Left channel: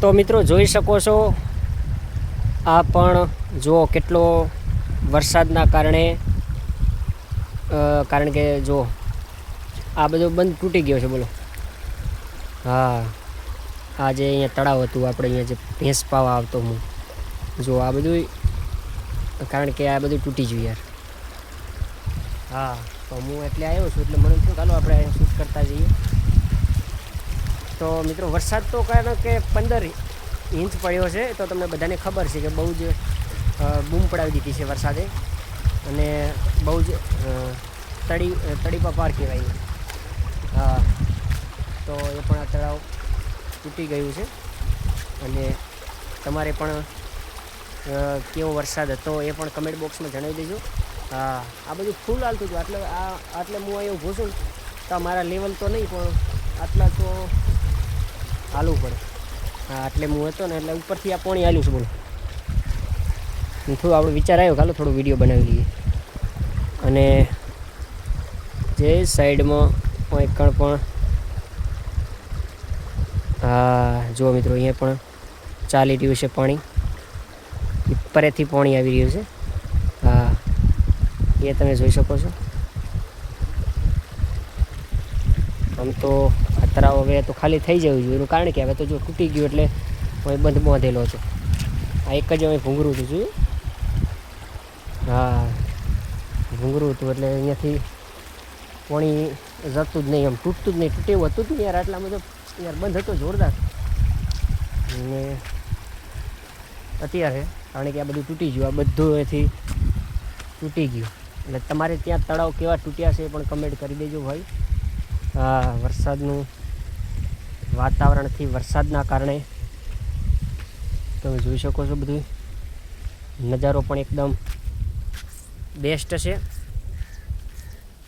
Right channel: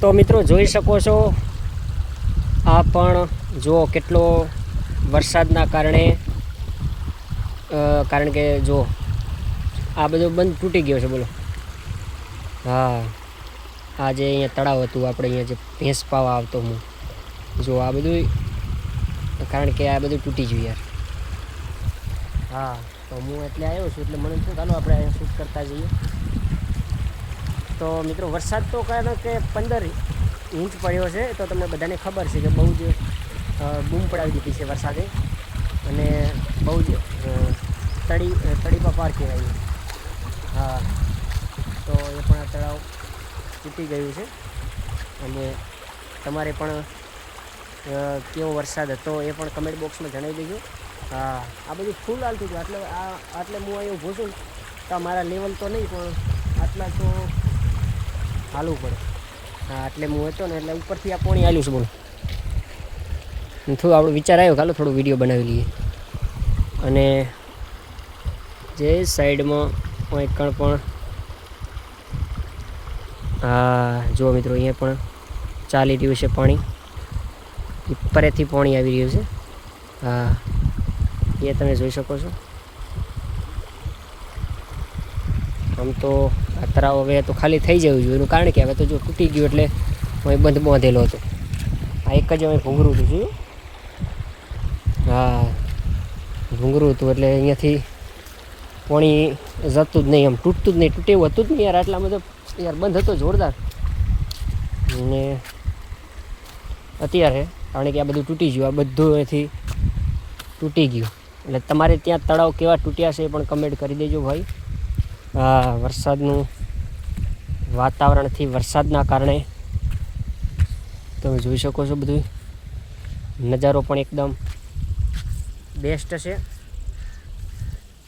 તો મિત્રો જોઈ શકો છો આ પણ જો કેટલો વરસાદના કારણે કારણ કે જો આ બધું બંધ તૂટી ગયો છે બોલો. હા આ જે અહીંયા તળાવ હતું આપણે અહીંયા જે ભેંસ પાવા આવતો હું જો આ બધું કારણ કે આ બધું તૂટી ગયું યાર. હા તો હું એટલે આવ્યો છું એટલે મને શું ચાલો આપણે અહીંયા શૂટ કરતા જઈએ. તો મિત્રો વરસાદ તો કારણ કે 15 ઇંચ પડ્યો છે તો તમને બધાને ખબર છે કે બહુ જ બૂમ પડાવી દીધી છે વરસાદે અને બહુ જ તળીપા પાર કહેવાય. હા તો એ પણ આ તળાવ તૂટી ગયું છે અને તમારે પણ કેવો વરસાદ હતો એ પણ કમેન્ટ બોક્સમાં જણાવી દેજો. હા આ બધું ફૂલ હાલતું હતું આટલે હું અહીં ઊભો છું તો મારા લેવલ તો નહીં પણ આટલા તો હાલવું પડે. હા એટલે હું હતો ને એટલે ઉપરથી આ પાણી હાલ્યું છે બોલો. થોડું આપણો વિચાર આવ્યો ચાલો થોડો વિડીયો બનાવી લઈએ. અને જે સાઈડમાં કંઈ પણ હા જુઓ મિત્રો અહીંયા પણ ચાલી રહ્યું છે પાણી. ઉપરેથી પાણી આવી રહ્યું છે. હા એ તમે જોઈ શકો છો. આમ તો આ તળાવ હવે તો ખાલી થઈ જવું જોઈએ એનું કારણ કે હવે તો જો તૂટી ગયું એટલે અહીં બંધ બાંધેલો હતો. આ એક જ હવે ભૂંગરું હતું જોયું. હા ભૂંગરું હતું એટલે અહીંયાથી પાણી જતું જ નહીં આમ તૂટતું જ નહીં. તૂટે એવું હતું જ નહીં યાર આટલામાં તો યાર બંધ હતો જોરદાર. અને અત્યારે કારણ કે આ બધું તૂટી ગયું આ બધું એથી તૂટી ગયું એટલે તમારે ત્યાં તળાવ કેવા તૂટ્યા છે એ પણ કમેન્ટ કરી દેજો ભાઈ. હા વરસાદનું વાતાવરણથી વરસાદના કારણે તમે જોઈ શકો છો બધું નજારો પણ એકદમ બેસ્ટ છે.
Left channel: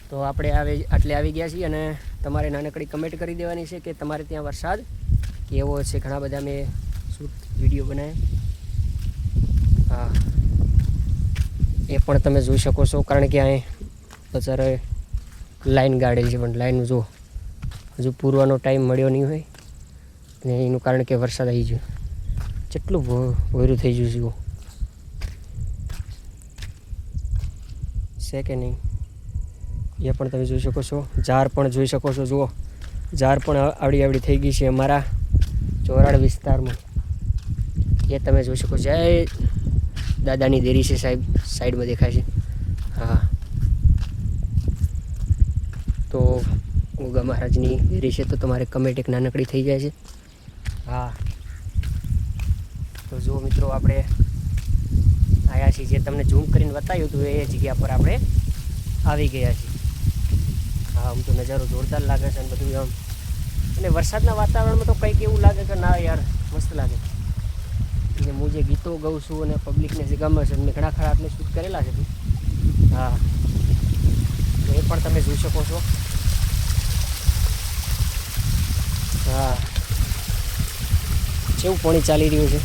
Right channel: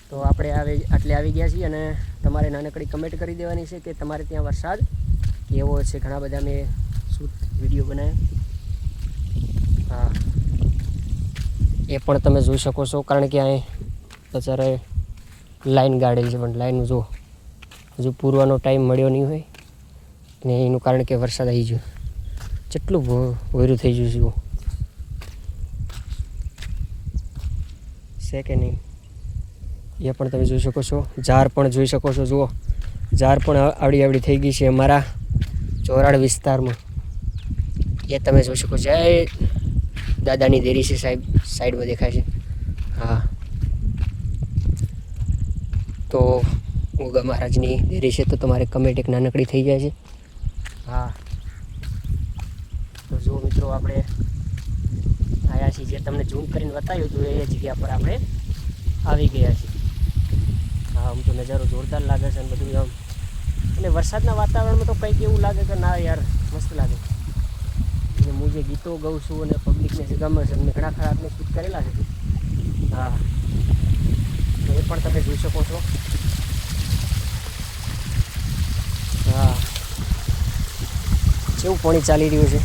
તો આપણે આટલે આવી ગયા છીએ અને તમારે નાનકડી કમેન્ટ કરી દેવાની છે કે તમારે ત્યાં વરસાદ કેવો છે. ઘણા બધા મેં શૂટ વિડીયો બનાવ્યા. હા એ પણ તમે જોઈ શકો છો કારણ કે અહીં અત્યારે લાઈન ગાડેલી છે પણ લાઈન જો હજુ પૂરવાનો ટાઈમ મળ્યો નહીં હોય અને એનું કારણ કે વરસાદ આવી ગયો. કેટલું ભોયરું થઈ ગયું છે કે નહીં એ પણ તમે જોઈ શકો છો. ઝાડ પણ જોઈ શકો છો. જુઓ ઝાડ પણ આવડી થઈ ગઈ છે અમારા ચોરાડ વિસ્તારમાં એ તમે જોઈ શકો. જય દાદાની દેરી છે સાહેબ સાઈડમાં દેખાય છે. હા તો ગોગા મહારાજની દેરી છે તો તમારે કમેન્ટ એક નાનકડી થઈ જાય છે. હા તો જો મિત્રો આપણે આવ્યા છીએ જે તમને ઝૂમ કરીને બતાવ્યું હતું એ જગ્યા પર આપણે આવી ગયા છીએ. હા આમ તો નજારો જોરદાર લાગે છે અને બધું આમ અને વરસાદના વાતાવરણમાં તો કંઈક એવું લાગે કે ના યાર મસ્ત લાગે. અને હું જે ગીતો ગાઉં છું અને પબ્લિકને જે ગમે છે મેં ઘણા ખરા આપણે શૂટ કરેલા છે. હા તો એ પણ તમે જોઈ શકો છો. હા કેવું પાણી ચાલી રહ્યું છે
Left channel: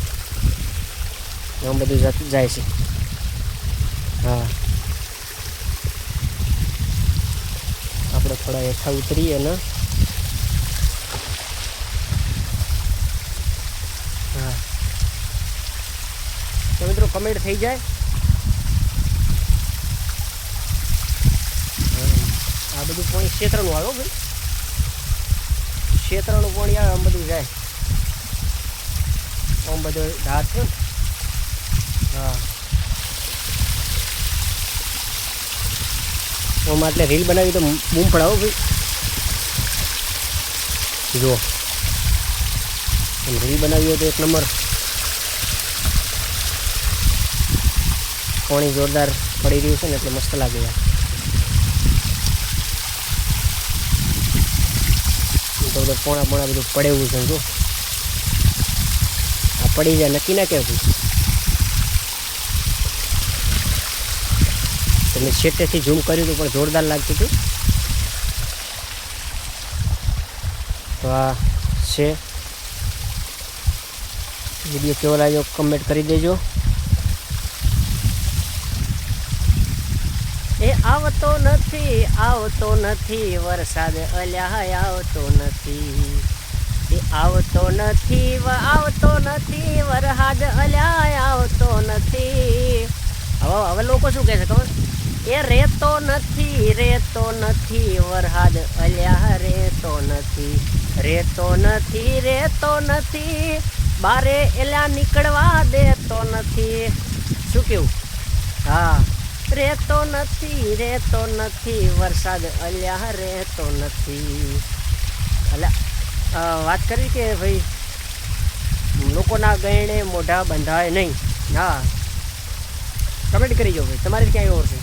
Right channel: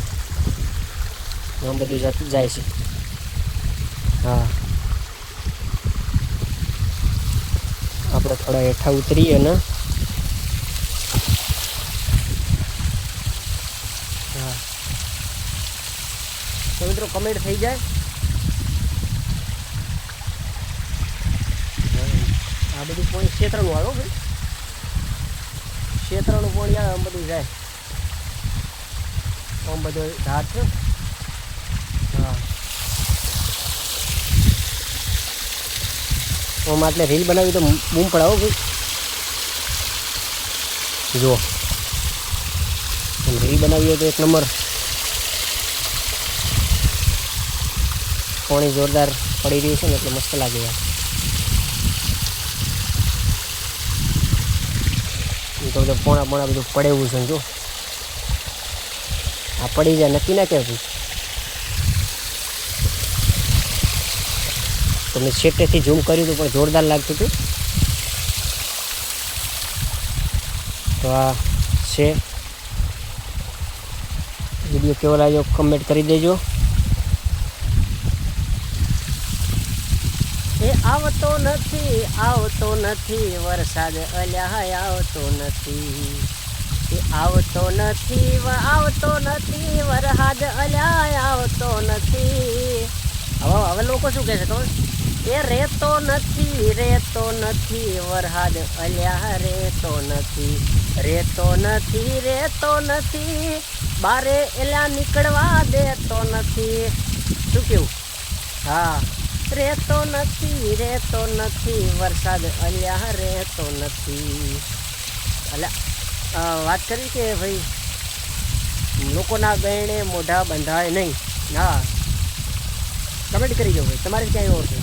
આમ બધું જાય છે. હા આપણે થોડા હેઠા ઉતરીએ ને હા તો મિત્રો કમેન્ટ થઈ જાય. આ બધું પાણી ક્ષેત્રનું આવ્યો ભાઈ ક્ષેત્રનું પાણી આવે આમ બધું જાય આમ બધો ધાર છે. હા આમાં એટલે રીલ બનાવી તો બૂમ પડાવો ભાઈ. જુઓ રીલ બનાવી હોય તો એક નંબર પાણી જોરદાર પડી રહ્યું છે ને એટલે મસ્ત લાગે યાર. તો બધું પોણા બધું પડે એવું છે જો આ પડી જાય નક્કી ના કેવું. તો મેં છેટેથી ઝૂમ કર્યું હતું પણ જોરદાર લાગતું હતું. તો આ છે વિડીયો કેવો લાગ્યો કમેન્ટ કરી દેજો. એ આવતો નથી વરસાદ અલ્યા આવતો નથી. એ આવતો નથી આવતો નથી વરસાદ અલ્યા આવતો નથી. હવે લોકો શું કહે છે ખબર? એ રેતો નથી વરસાદ અલ્યા રેતો નથી બારે એલા નીકળવા દેતો નથી. શું કેવું? હા, રેતો નથી વરસાદ અલ્યા રેતો નથી. અલ્યા વાત કરી કે ભાઈ લોકોના ગયણે મોઢા બંધાય નહીં. હા, કમેન્ટ કરી જાઓ ભાઈ, તમારે ક્યાં એવો છે?